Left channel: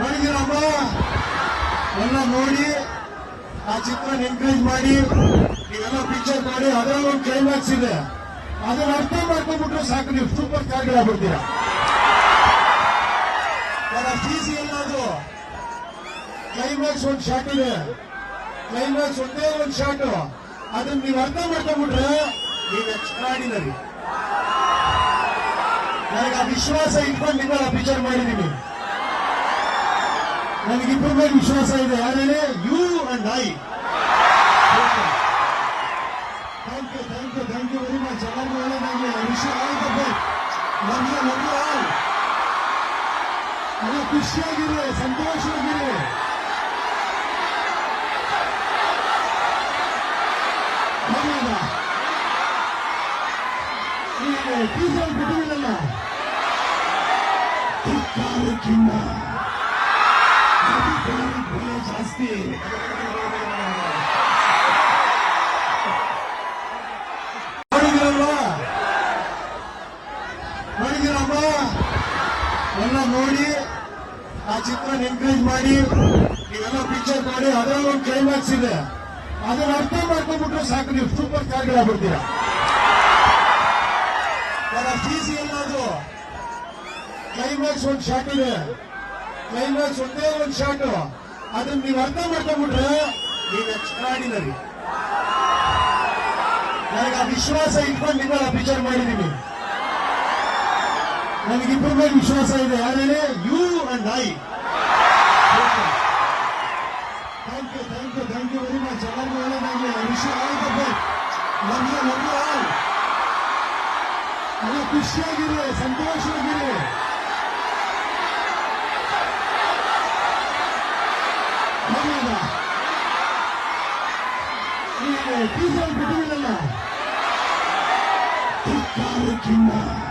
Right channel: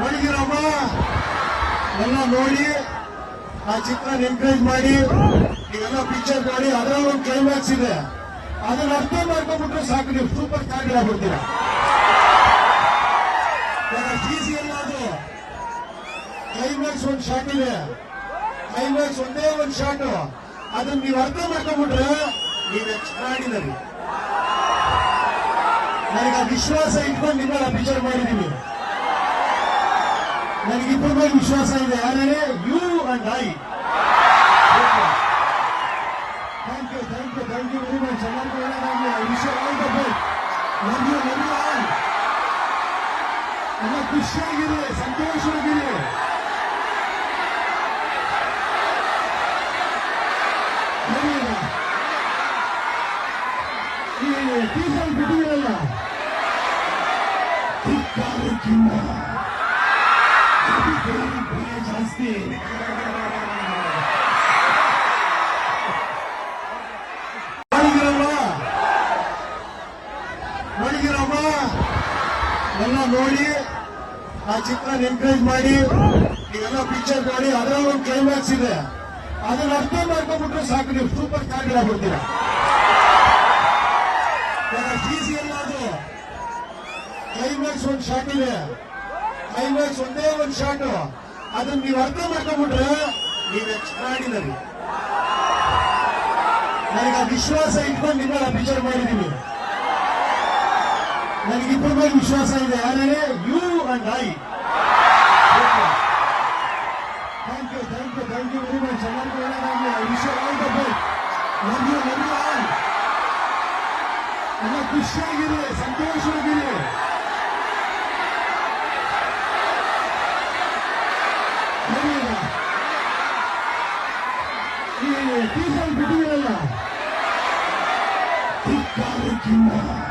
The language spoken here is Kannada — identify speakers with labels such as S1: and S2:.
S1: ನನಗಿರಮ್ಮ ಎಲ್ಲ ನೋಡಿ, ಆ ಚಿತ್ರ ಎನ್ಕರೇಜ್ ಮಾಡಿ, ನೀವೆಲ್ಲ ಪಿಕ್ಚರ್ ಮಾಡಿ ಅದರ ಒಂದು ಕ್ಲೈಮ್ಯಾಕ್ಸ್ ಇದೆ. ಅದನ್ನ ಅರ್ಥ ಮಾಡ್ಕೊಂಡ್ಬಿಟ್ರೆ ಸಾಕು, ನೀವು ಸೂಪರ್ ಸ್ಟಾರ್ ಆಗ್ಬಿಡ್ತೀರ. ಸಿ ಸಿ ಅದು ಕ್ಲೈಮ್ಯಾಕ್ಸ್ ಒಂದು ಶಾಟ್ ಇದೆ. ಕ್ಲೈಮ್ಯಾಕ್ಸ್ ಒಂದೇ ಒಂದು ಶಾಟ್ ಅದನ್ನ ನೀವು ಅರ್ಥ ಮಾಡ್ಕೊಂಡ್ಬಿಟ್ರೆ ನೀವು ಎಕ್ಸ್ಟ್ರಾಡಿನರಿ ನನಗೆ ವಿಶ್ವಾಸ ಇಟ್ಕೊಂಡು ನಿಮ್ಮ ಪಿಕ್ಚರ್ ಮಾಡಿದೀನಿ. ನನಗಿಬ್ಬರ ಮೇಲೆ ವಿಶ್ವಾಸ ಇದೆ ಯಾರೇನೆ you and I thank you thank you thank you very much ಎಲ್ಲರಿಗೂ ಒಳ್ಳೆಯದಾಗಲಿ ನನಗೆ ಎಲ್ಲ ಖುಷಿಯಾಗಿರಿ ಸಂತೋಷವಾಗಿರಿ ಟೀಸರ್ ಬಿಟ್ಟಿರಲ್ಲ ಧಿಕ್ಕಾರಕ್ಕಿಂತ ನೋಡಿದಿರಮ್ಮ ಎಲ್ಲ ನೋಡಿ ಆ ಚಿತ್ರ ಎನ್ಕರೇಜ್ ಮಾಡಿ ನೀವೆಲ್ಲ ಪಿಕ್ಚರ್ ಮಾಡಿ ಅದರ ಒಂದು ಕ್ಲೈಮ್ಯಾಕ್ಸ್ ಇದೆ ಅದನ್ನ ಅರ್ಥ ಮಾಡ್ಕೊಂಡ್ಬಿಟ್ರೆ ಸಾಕು ನೀವು ಸೂಪರ್ ಸ್ಟಾರ್ ಆಗ್ಬಿಡ್ತೀರ ಸಿ ಸಿ ಅದು ಕ್ಲೈಮ್ಯಾಕ್ಸ್ ಒಂದು ಶಾಟ್ ಇದೆ ಕ್ಲೈಮ್ಯಾಕ್ಸ್ ಒಂದೇ ಒಂದು ಶಾಟ್ ಅದನ್ನ ನೀವು ಅರ್ಥ ಮಾಡ್ಕೊಂಡ್ಬಿಟ್ರೆ ನೀವು ಎಕ್ಸ್ಟ್ರಾಡಿನರಿ ನನಗೆ ವಿಶ್ವಾಸ ಇಟ್ಕೊಂಡು ನಿಮ್ಮ ಪಿಕ್ಚರ್ ಮಾಡಿದೀನಿ ನನಗಿಬ್ಬರ ಮೇಲೆ ವಿಶ್ವಾಸ ಇದೆ. ಯಾರೇ you and I thank you thank you thank you very much ಎಲ್ಲರಿಗೂ ಒಳ್ಳೆಯದಾಗಲಿ ವಿಶ್ವ ಆಲ್ ದ ಬೆಸ್ಟ್ ನನಗೆ ನನಗೆ ಎಲ್ಲ ಖುಷಿಯಾಗಿರಿ ಸಂತೋಷವಾಗಿರಿ ಟೀಸರ್ ಬಿಟ್ಟಿರಲ್ಲ ಧಿಕ್ಕಾರಕ್ಕಿಂತ ಭಯ ಜಾಸ್ತಿ